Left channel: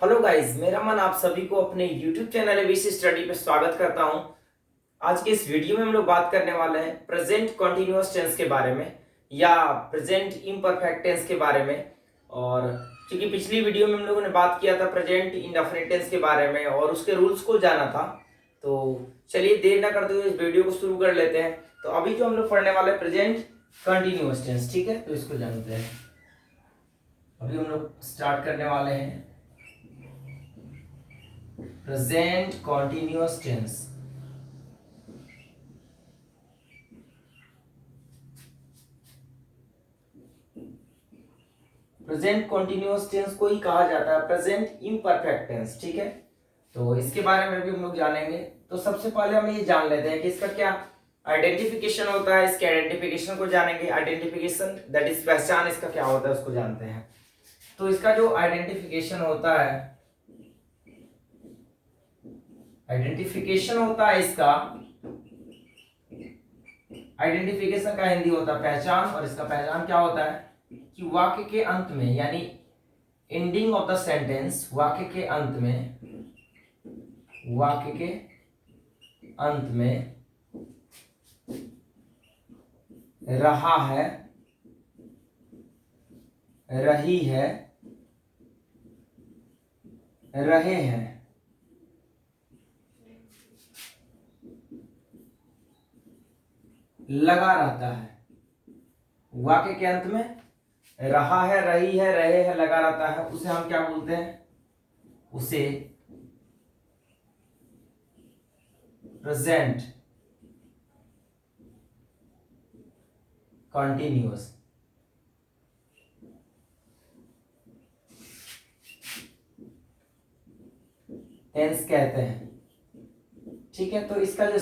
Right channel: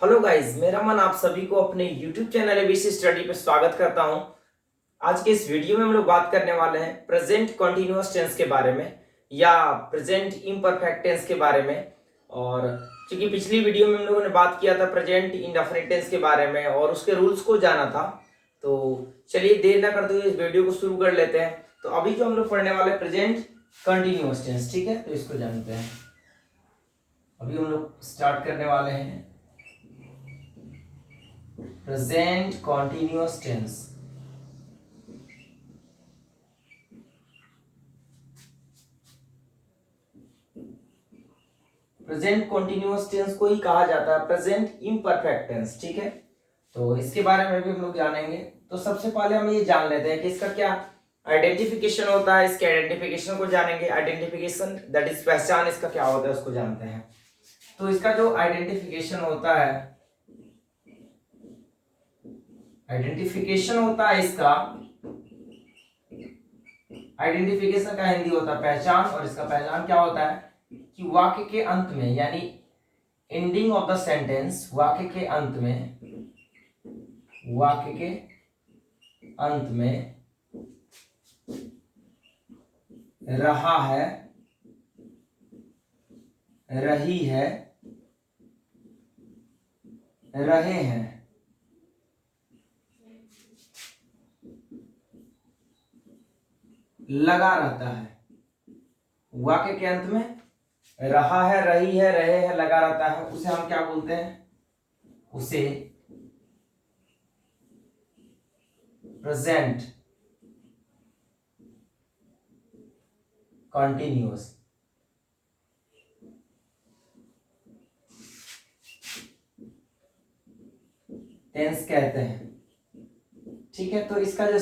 Hello guys, मेरा मन आप सभी को अपने YouTube चैनल एबीसी स्टडी पे स्वागत करता हूं। आज के इस वीडियो में हम लोग बात करने वाले हैं प्रेजेंट कॉन्टिन्यूअस टेंस के बारे में या प्रेजेंट इम्परफेक्ट टेंस के बारे में। और क्योंकि पिछली वीडियो में हम लोगों ने बात किया था प्रेजेंट इंडेफिनिट टेंस के बारे में और उसके रूल्स को जाना था, तो चलिए देर ना करते हुए इस वीडियो को शुरू कर लेते हैं। तो अभी जो हम लोग पढ़ने वाले हैं प्रेजेंट कंटिन्यूअस टेंस, ठीक है, तो इसको जानते हैं। अभी हम लोग स्टार्ट करने वाले हैं present continuous tense. Present continuous tense को ही कहा जाता है प्रेजेंट इम्परफेक्ट टेंस, ठीक है। तो इसके बारे में भी हम लोग जानेंगे। तो सबसे पहले हम ये जान लेते हैं कि इसका क्या आइडेंटिफिकेशन होता है। इसके आइडेंटिफिकेशन को जानेंगे। आइडेंटिफिकेशन दैट इज पहचान, इसका क्या होता है उसको जानते हैं। तो इसका जो आइडेंटिफिकेशन होता है, इसका आइडेंटिफिकेशन का हिंदी होता है पहचान। और इसका पहचान क्या होता है कि वाक्य के अंत में, यानी एंडिंग ऑफ द सेंटेंस, वाक्य के अंत में रहा है, रही है, रहे हैं, लगा रहता है। वाक्य के अंत में रहा है, रही है, रहे हैं, लगा रहता है, उसे हम क्या बोलते हैं? उसे प्रेजेंट कॉन्टिन्यूअस टेंस कहते हैं, ठीक है। तो इसका जो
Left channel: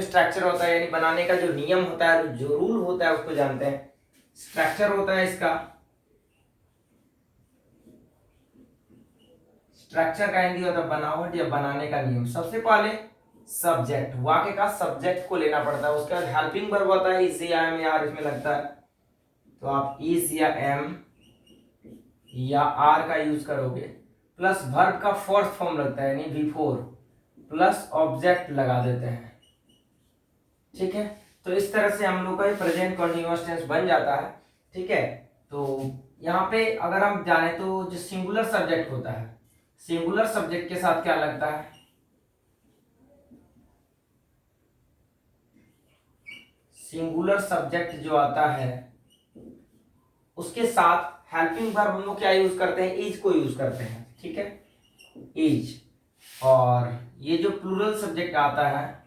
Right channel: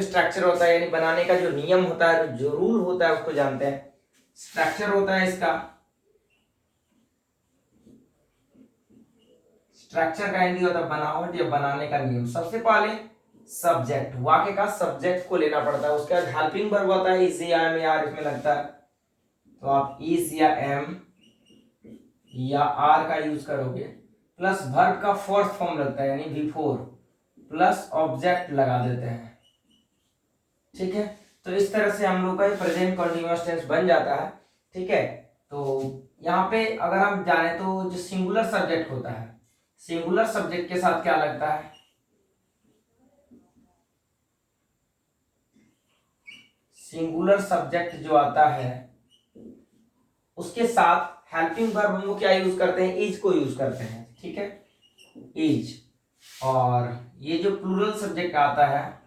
स्ट्रक्चर होता है, यानी बनाने का जो नियम होता है, जो रूल होता है, उसको जानते हैं। स्ट्रक्चर होता है इसका, स्ट्रक्चर का हिंदी होता है बनावट या बनाने का नियम। सबसे पहले सब्जेक्ट, वाक्य का सब्जेक्ट को लेना पड़ता है। उसका हेल्पिंग वर्ब होता है इज या एम या आर इसमें लगता है, तो आप इज या एम या आर का यूज करोगे, प्लस वर्ब का फोर्थ फॉर्म लगता है यानी बिफोर, प्लस ऑब्जेक्ट लगा देते हैं, ठीक है। तो इस तरह से हम लोग का प्रेजेंट कंटीन्यूअस टेंस बन जाता है, ठीक है। तो यहाँ पे अगर हम जाने तो जो सिंगुलर सब्जेक्ट होता है, सिंगुलर सब्जेक्ट के साथ क्या लगता है? सिंगुलर सब्जेक्ट जो आता है उसके साथ हेल्पिंग वर्ब हम लोग क्या यूज करते हैं? इज को यूज करते हैं, ठीक है, इज। और ये जो प्लूरल सब्जेक्ट आता है,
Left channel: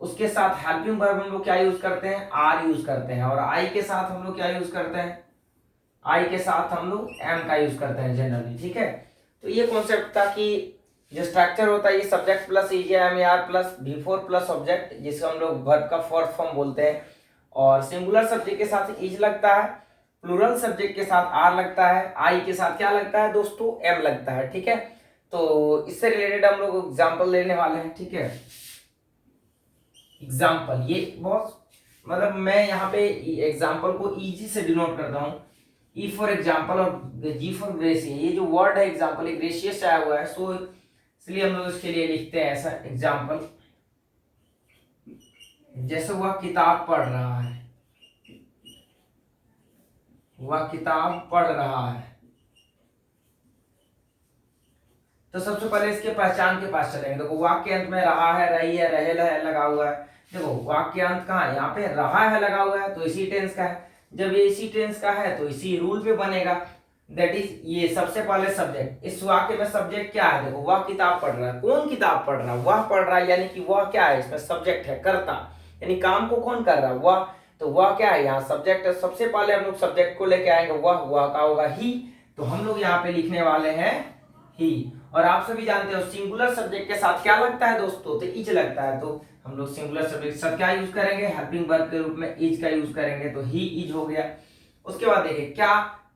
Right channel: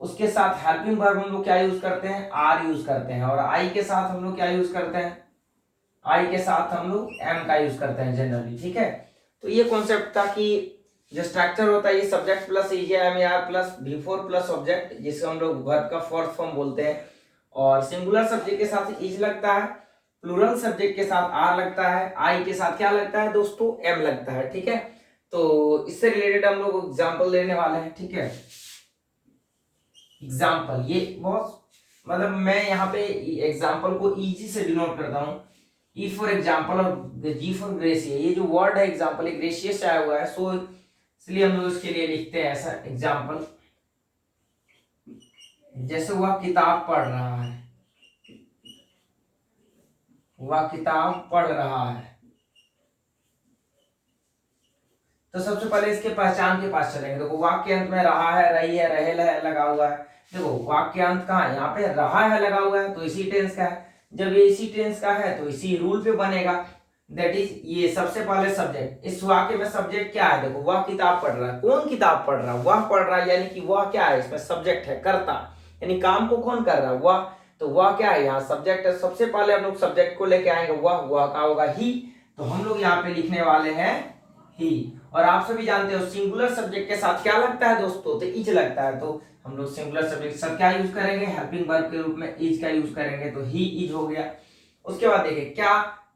उसके साथ हेल्पिंग वर्ब हम लोग क्या यूज करते हैं? आर यूज करते हैं। और आई के साथ हम लोग क्या यूज करते हैं? आई के साथ हम लोग एम का यूज करते हैं जनरली, ठीक है। तो ये कॉन्सेप्ट था कि जो स्ट्रक्चर होता है ये subject plus is am are plus before plus object, जिसे हम लोग वर्ब का फोर्थ फॉर्म बोलते हैं। और सिंगुलर सब्जेक्ट के साथ इज लगता है, प्लूरल सब्जेक्ट के साथ आर लगता है, आई के साथ क्या लगता है दोस्तों? एम लगता है, ठीक है। तो इससे रिलेटेड हम लोग एग्जाम्पल लेने वाले हैं, ठीक है। एग्जाम्पल, ये बहुत मतलब मैं यहाँ पे एग्जाम्पल को इजी से डिनोट करता हूँ। ई फॉर एग्जाम्पल और जी फॉर ग्रेसियस, ये जो वर्ड है एग्जाम्पल, ग्रेसियस से आया हुआ है, सो इसलिए हम लोग इसके लिए लिखते हैं ऐसा एग्जाम्पल। जैसे वह किताब पढ़ रहा है, वह किताब पढ़ रहा है। तो सबसे पहले इसके पहचान के पास चलेंगे। देखो वाक्य अंत में रहा है, रही है, रहे लगा हुआ है। देखो वाक्य अंत कहाँ है? यहाँ पे रहा है लगा हुआ है, तो इसी टेंस का है। जब ये इसी टेंस का है तो इसी रूल पे बनेगा, दैट इज ये सबसे पहले सब्जेक्ट। इस वाक्य में सब्जेक्ट क्या है? देखो वह किताब पढ़ रहा है। कौन किताब पढ़ रहा है? वह पढ़ रहा है, यानी कि वह क्या है? इसमें सब्जेक्ट है, कर्ता, यानी काम को कौन कर रहा है? वह। तो वह क्या है? यहाँ सब्जेक्ट है। सबसे पहले हम लोग सब्जेक्ट को लेके आएंगे, वह का होगा ही। तो हम लोग यहाँ पे लिखने वाले हैं ही। और आप सभी जानते हो सिंगुलर सब्जेक्ट के साथ क्या लगता है दोस्तों? तो इज लगता है। तो हम लोग सिंगुलर सब्जेक्ट के साथ क्या यूज करेंगे? हेल्पिंग वर्ब के रूप में इज का यूज करेंगे, तो ही इज हो गया। उसके बाद देखिए क्या,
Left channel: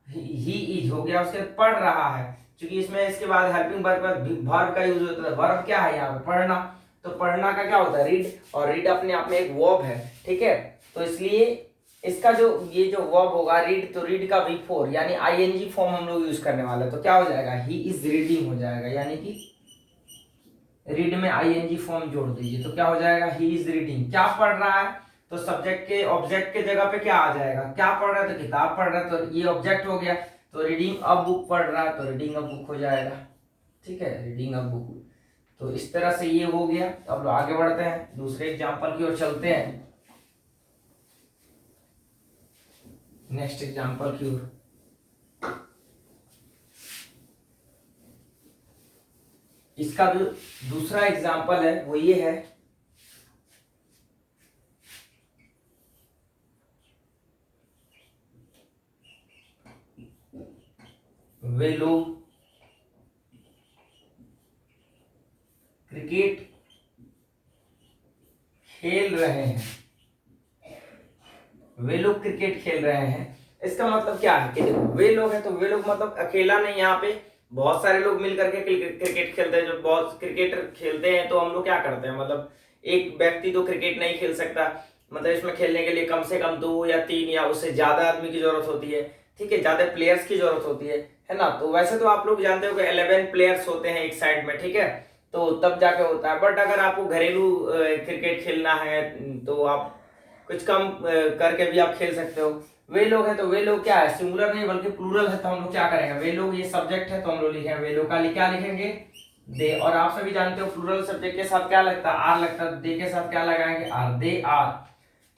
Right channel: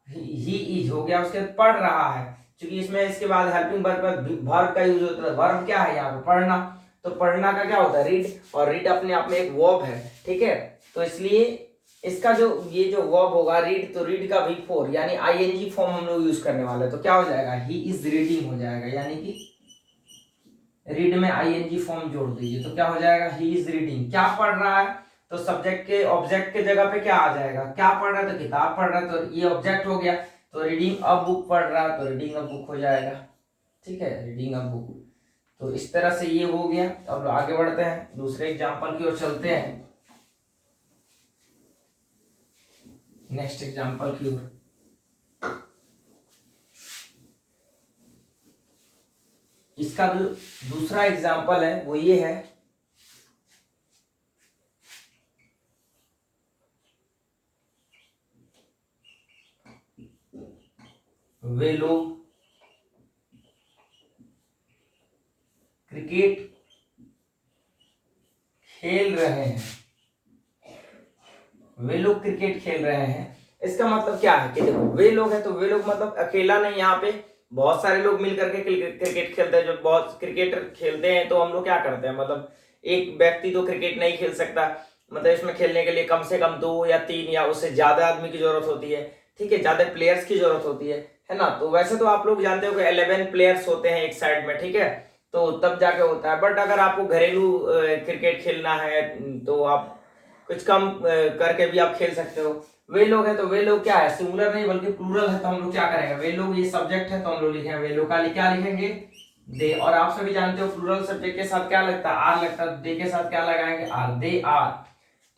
ही इज हो गया। उसके बाद पढ़ रहा है, क्योंकि इसमें इसके बाद हेल्पिंग वर्ब का यूज होता है। वर्ब क्या है यहाँ पे? पढ़ना। तो पढ़ना का क्या होता है? रीड, और रीड अपने आप में एक वर्ब है, ठीक है। तो इसलिए इसका जो ये जो वर्ब होगा रीड, तो रीड का V4 यानी आईएनजी फॉर्म हम लोग यूज करने वाले हैं, तो क्या हो जाएगा, ही इज रीडिंग हो जाएगा, यानी कि रीड में आईएनजी फॉर्म जोड़ दीजिए तो क्या हो जाएगा, ही इज रीडिंग। क्या पढ़ रहा है, तो सब्जेक्ट के ऑब्जेक्ट के जगह पे क्या आ जाएगा, क्या पढ़ रहा है तो किताब पढ़ रहा है, तो ये ऑब्जेक्ट हो गया, तो रीडिंग अ बुक पढ़ रहा है तो रीडिंग अ बुक हो जाएगा। ठीक है, रीडिंग अ बुक। तो इस तरह से ये हो गया। अब आगे बढ़ते हैं, दूसरे एग्जाम्पल की ओर चलते हैं, नेक्स्ट एग्जाम्पल की ओर। इसका जो दूसरा एग्जाम्पल है वो ये है, वे लोग क्रिकेट खेल रहे हैं, वे लोग क्रिकेट खेल रहे हैं। इसका मतलब क्या है कि देखो वे लोग है तो वे लोग मतलब अकेला नहीं, यहाँ पे बहुत सारे लोग मिल करके क्रिकेट खेलते हैं। जो बहुत क्रिकेटर खेलते हैं तो हम लोग क्या करते हैं, मतलब एक व्यक्ति तो क्रिकेट नहीं खेल सकता, मतलब इसमें खेलने के लिए कम से कम 2 या 3 या उससे ज्यादा आदमी की जरूरत होती है। ठीक है, ज्यादा प्लेयर्स की जरूरत होती है ना। तो वैसे तो आप लोग जानते हो कि 11 प्लेयर्स होते हैं एक साइड में, ठीक है, तो तब जाके होता है। बट अगर आपको घरेलू क्रिकेट खेलना है तो आप कुछ कम करके भी आप खेल सकते हो। वे लोग है तो वे लोग क्या है, सिंगुलर नहीं बल्कि प्लूरल है, तो हम लोग क्या करेंगे, वे लोग ये सब्जेक्ट है तो हम लोग लिखेंगे वे लोग का क्या लिखेंगे, दे। और आप सभी जानते हो प्लूरल सब्जेक्ट के साथ क्या लगता है, आर लगता है, दे के साथ क्या लगाएंगे, आर, दे आर।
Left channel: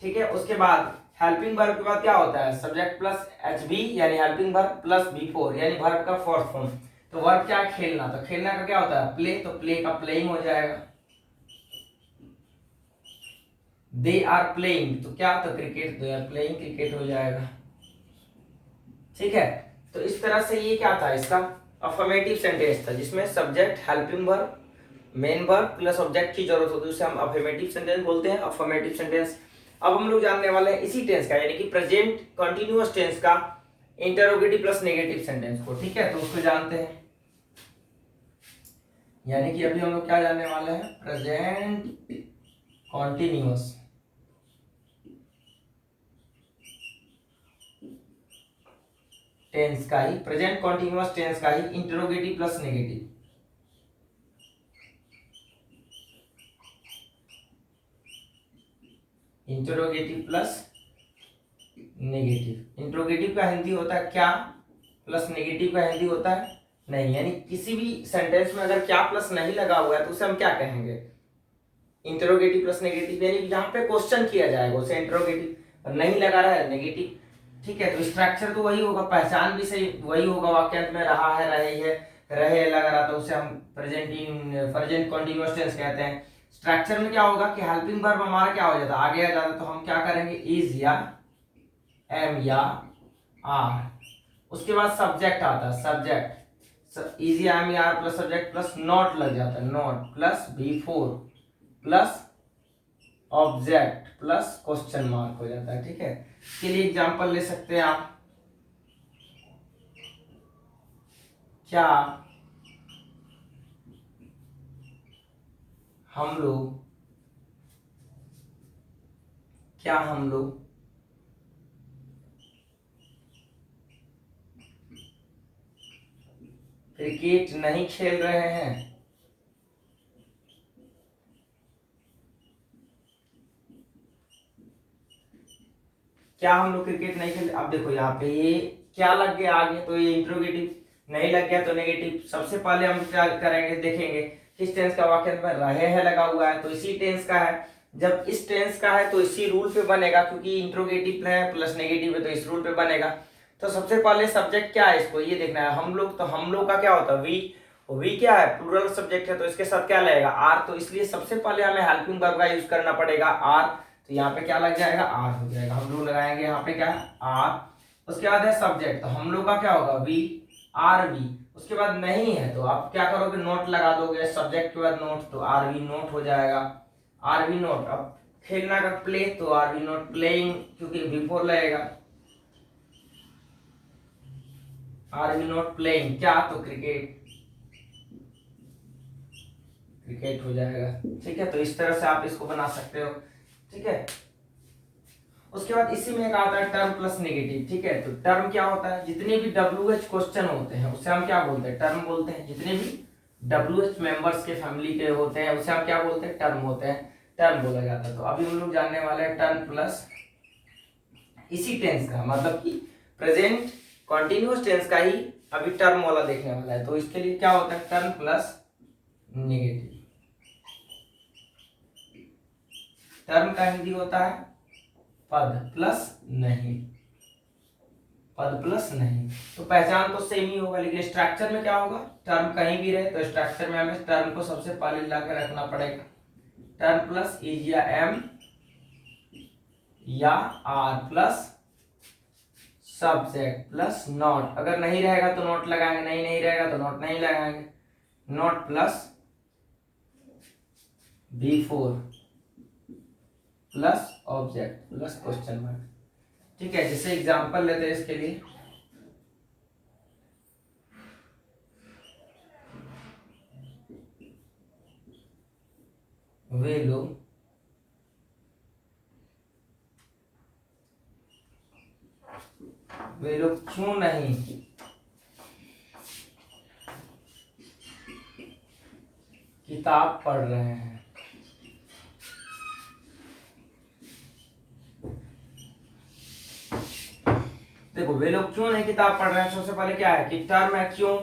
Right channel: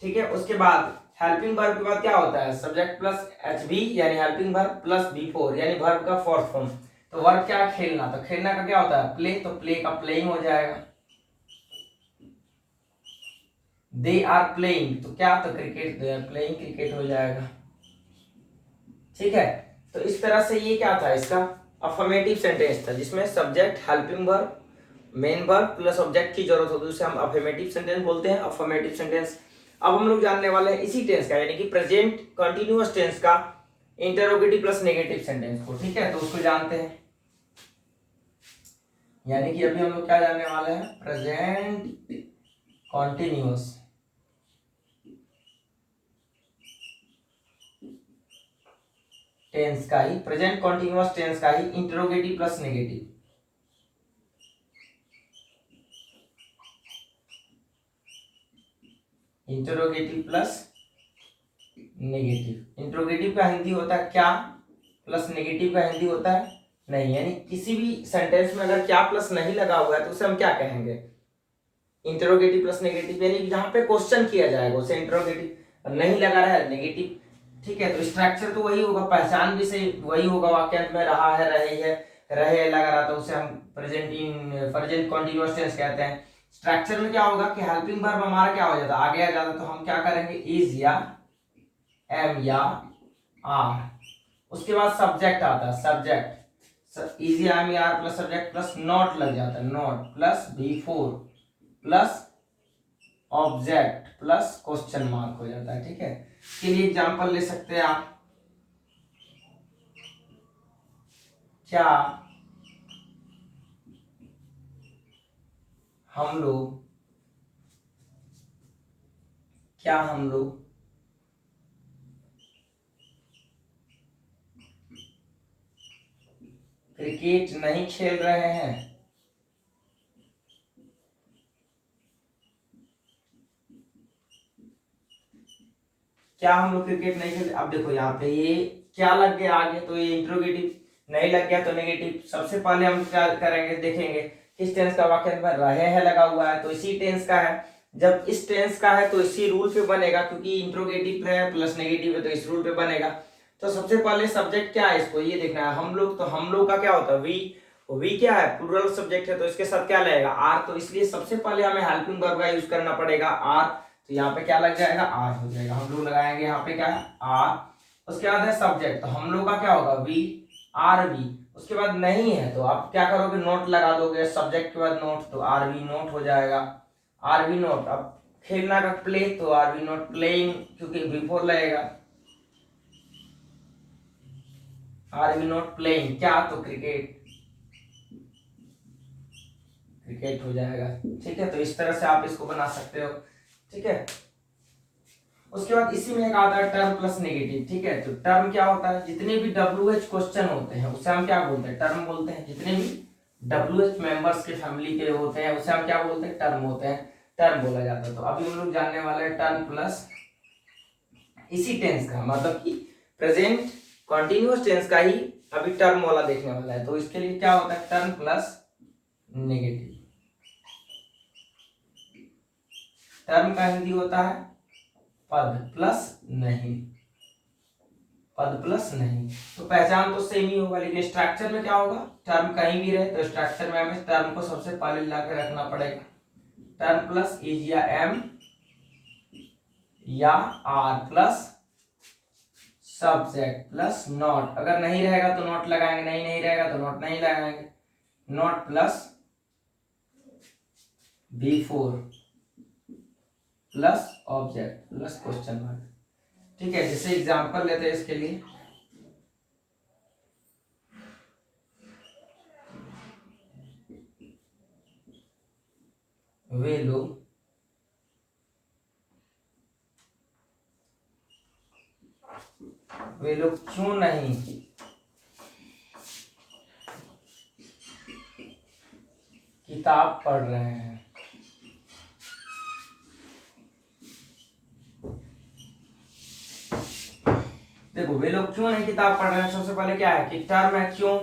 ठीक है, उसके बाद हेल्पिंग वर्ब के बाद क्या होता है, सब्जेक्ट प्लस एचबी यानी हेल्पिंग वर्ब प्लस बी4 यानी वर्ब का फोर्थ फॉर्म। तो वर्ब क्या है, खेलना, तो खेलना का क्या होता है, प्ले, तो प्ले का प्लेइंग हो जाएगा। दे आर प्लेइंग तो क्या, तो cricket, they are playing cricket हो जाएगा। ठीक है, तो इस तरह से ये क्या था, इसका अफर्मेटिव सेंटेंस था जिसमें subject, helping verb, main verb plus object की जरूरत होती है, उसे हम अफर्मेटिव सेंटेंस बोलते हैं, अफर्मेटिव सेंटेंस। अब हम लोग जानने वाले हैं इसी टेंस का यानी कि प्रेजेंट कंटिन्यूअस टेंस का इंटरोगेटिव प्लस नेगेटिव सेंटेंस को। ठीक है, तो उसको जानते हैं, यानी कि अभी हम लोग क्या जानने वाले हैं, प्रेजेंट कॉन्टिन्यूअस टेंस का ही, प्रेजेंट कॉन्टिन्यूअस टेंस का ही interrogative plus negative, interrogative plus negative. Interrogative का हिंदी होता है क्या, प्लस नेगेटिव का हिंदी होता है नहीं, यानी किसी भी सेंटेंस में अगर क्या प्लस नहीं लगा हुआ है तो उसे हम क्या कहेंगे, इंटरोगेटिव प्लस नेगेटिव, यानी जहां पे क्वेश्चन किया जाएगा उसे इंटरोगेटिव, नहीं लगा रहा है नेगेटिव। ठीक है, तो स्ट्रक्चर तो वही होगा, पहचान भी सही वही होगा, वाक्यांश में रहा है, रही है, रहे लगा रहा, तो उसे हम प्रेजेंट कॉन्टिन्यूअस टेंस कहते हैं। स्ट्रक्चर में क्या होगा कि हेल्पिंग वर्ब हमारा क्या हो जाता है, आगे आ जाता है, तो हम क्या करेंगे, इज या एम या आर। उसके बाद सब्जेक्ट आता है, सब्जेक्ट इज या एम या are plus subject plus not लग जाता है, not plus V four plus object plus question mark हो जाता है। ठीक है, इसके लिए एग्जांपल ले सकते हैं आप, क्या हम लोग, क्या हम लोग क्रिकेट नहीं खेल रहे हैं, क्या हम लोग क्रिकेट नहीं खेल। अब देखो यहाँ पे ये क्या लग गया आगे, तो ये इंट्रोगेटिव, नहीं लग गया तो नेगेटिव। सबसे पहले हम क्या करेंगे, देखेंगे किस टेंस का वाक्य में रहे है लगा हुआ है, तो इसी टेंस का है। जब इस टेंस का है तो इसी रूल पे बनेगा, क्योंकि इंट्रोगेटिव है प्लस नेगेटिव है तो इस रूल पे बनेगा। तो सबसे पहले सब्जेक्ट क्या है, इसको ये देखना है हम लोग, तो हम लोग का क्या होता है, वी। वी क्या है, प्लूरल सब्जेक्ट है तो इसके साथ क्या लगेगा, आर, तो इसलिए सबसे पहले हमें हेल्पिंग वर्ब का यूज करना पड़ेगा, आर। तो यहाँ पे क्या लग जाएगा, आर हो जाएगा, हम लोग लगाएंगे यहाँ पे क्या है, आर। उसके बाद है सब्जेक्ट, तो हम लोग का क्या होगा, वी, आर वी। उसके बाद नहीं है तो आप क्या करोगे, नोट लगा दोगे, सब्जेक्ट के बाद नोट, तो आर वी नोट हो जाएगा, आर वी नोट। अब खेलना का प्ले, तो आर वी नोट प्लेइंग, क्योंकि बिफोर लगेगा, आर वी नोट प्लेइंग क्या, तो क्रिकेट, क्रिकेट हो जाएगा। ठीक है, तो इस तरह से आप इसको बना सकते हो। ठीक है, उसके बाद इसी में एक आता है टर्म प्लस नेगेटिव, ठीक है। तो टर्म क्या होता है, जितने भी WH क्वेश्चन होते हैं उसे हम क्या बोलते हैं, टर्म बोलते हैं। जितने भी WH मेंबर्स के फैमिली के होते हैं उसे हम क्या बोलते हैं, टर्म होते हैं, टर्म बोला जाता है। तो अभी हम लोग जानने वाले हैं टर्म प्लस इसी टेंस का, मतलब कि प्रेजेंट कॉन्टिन्यूअस टेंस का ही अभी टर्म वाला देखने वाला है। तो इसके लिए क्या होता है, टर्म प्लस नेगेटिव। टर्म का हिंदी होता है पद प्लस नहीं, पद प्लस नहीं। तो पहचान तो सेम ही होगा, लेकिन स्ट्रक्चर में क्या होगा, टर्म कहीं भी रहे तो स्ट्रक्चर में हमें टर्म को सबसे पहले ला के रखना पड़ेगा। टर्म प्लस इज या एम या are plus subject plus not. अगर नहीं रहेगा तो नॉट लगाएंगे, नहीं रहेगा तो नॉट नहीं लगाएंगे। Not plus before plus object plus question mark, ठीक है। जैसे एग्जांपल लेते हैं इसके लिए, वे लोग क्यों नहीं किताब पढ़ रहे हैं। देखो वे लोग क्यों नहीं किताब पढ़ रहे हैं, सबसे पहले क्या है कि टर्म है क्यों,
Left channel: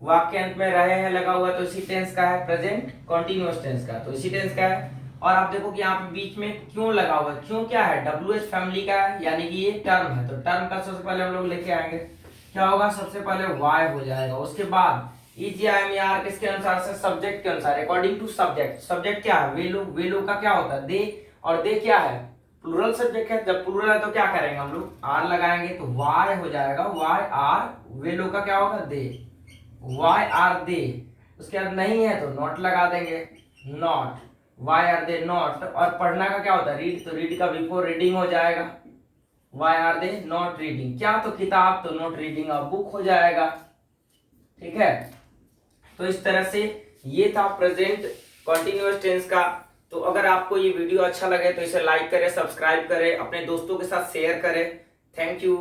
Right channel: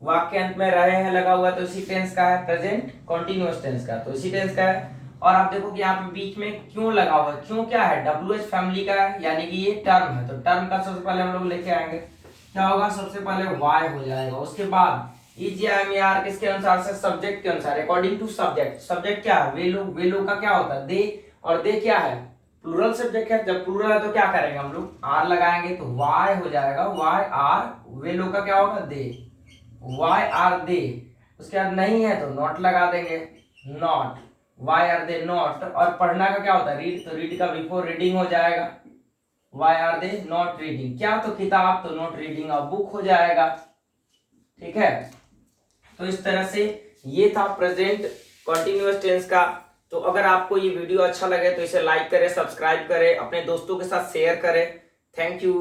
वाक्य अंत में रहे हैं लगा हुआ, तो इसी टेंस का है, प्रेजेंट कॉन्टिन्यूअस टेंस का, तो इसी टेंस का है। और आप देखो कि यहाँ पे बीच में क्यों लगा हुआ है, क्यों क्या है, WH फैमिली का है, यानी कि ये टर्म है। तो टर्म का सबसे पहले हम लोग लेके आएंगे, क्या होगा, सबसे पहले वाई हो जाएगा। उसके बाद इज या एम या आर किसके अनुसार से, सब्जेक्ट के अनुसार, अकॉर्डिंग टू सब्जेक्ट। सब्जेक्ट क्या है, वे लोग का क्या होता है, दे, और दे क्या है, प्लूरल सब्जेक्ट है। जब प्लूरल है तो क्या करेंगे हम लोग, आर लगाएंगे, तो वाई हो जाएगा, वाई आर, वे लोग का क्या होगा, दे, वाई आर दे। उसके बाद नहीं है तो नॉट लगा देंगे, not, why are they not. और पढ़ना का क्या होता है, रीड, तो रीड का बिफोर रीडिंग हो जाएगा, why are they not reading, क्या, तो किताब, तो नॉट रीडिंग अ बुक हो जाएगा, ठीक है। तो इस तरह से ये था प्रेजेंट कॉन्टिन्यूअस टेंस का। तो अगर आपको ये वीडियो अच्छा लगे तो इसे लाइक करें, सब्सक्राइब करें, अपने दोस्तों के साथ शेयर करें। Thank you.